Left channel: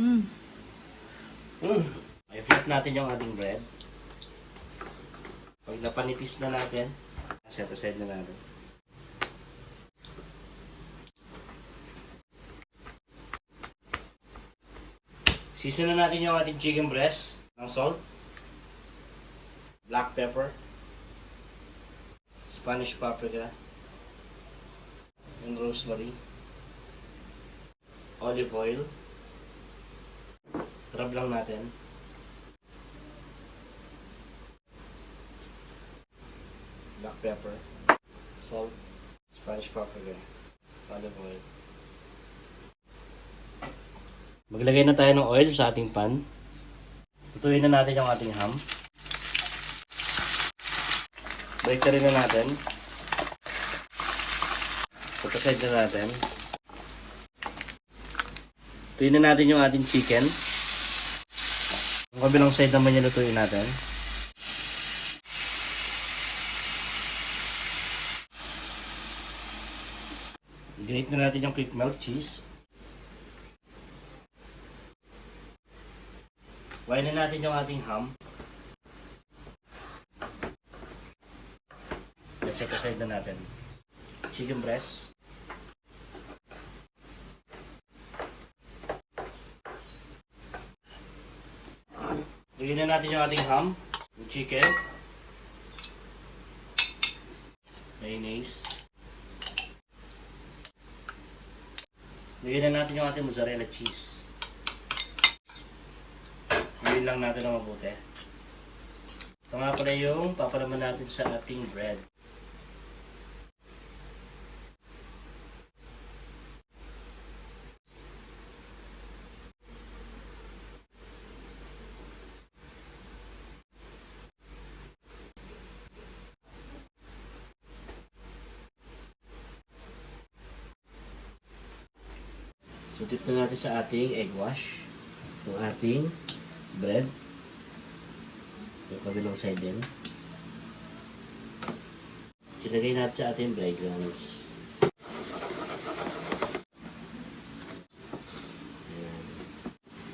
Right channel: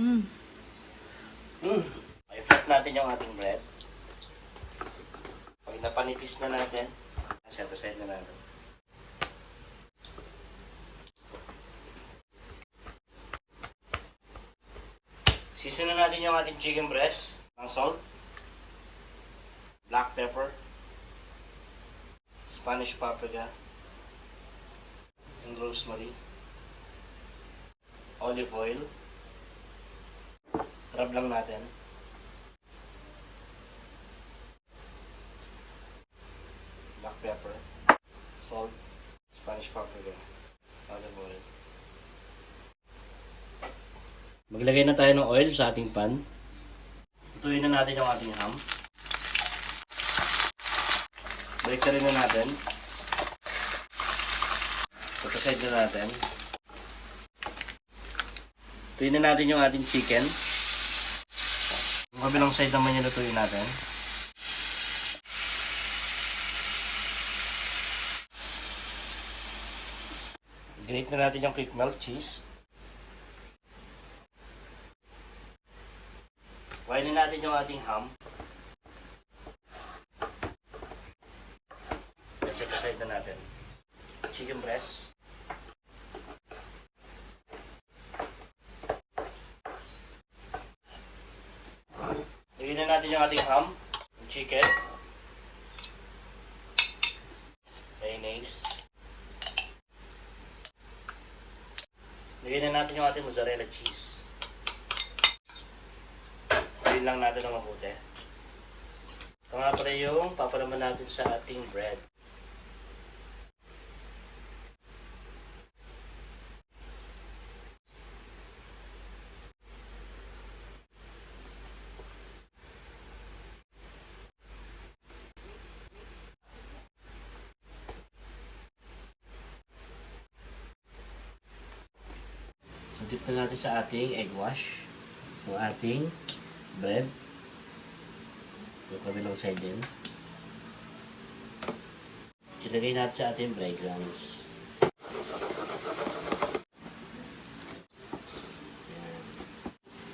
Mm. I-flip natin yung ating bread. Pag napanipis na natin, set aside na natin. Season na natin yung ating chicken breast ng salt, black pepper, Spanish paprika, and rosemary, olive oil. Rub lang natin. Black pepper, salt, Spanish paprika, olive oil. Maglagay na tayo ng oil sa ating pan. Ituin na natin yung ating ham. Break rin na natin. Put aside na natin. Ituin na natin yung ating chicken. Yung kabilang side naman yung lutuin natin. Grate na natin yung quick melt cheese. Kainin natin yung ating ham. Set aside na natin. Chicken breast. Lagyan na natin yung ating ham, yung chicken, mayonnaise. Lagyan na natin yung ating mozzarella cheese. Gawin lang natin ng mabuti. Ito nga pala yung papalaman natin sa ating bread. So dip na natin sa ating egg wash. Yung ating bread. Yung kabilang side din. Ilagay natin sa ating breadcrumbs.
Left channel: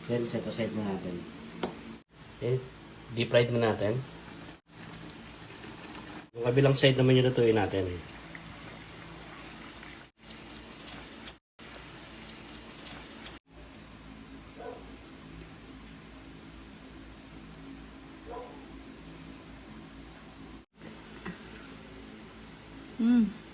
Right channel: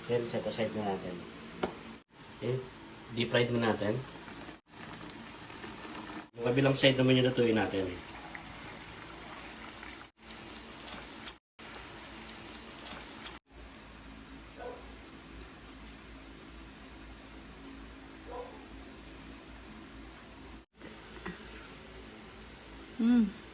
Yan, set aside na natin. Okay, deep fried na natin. Yung kabilang side naman yung lutuin natin. Mm.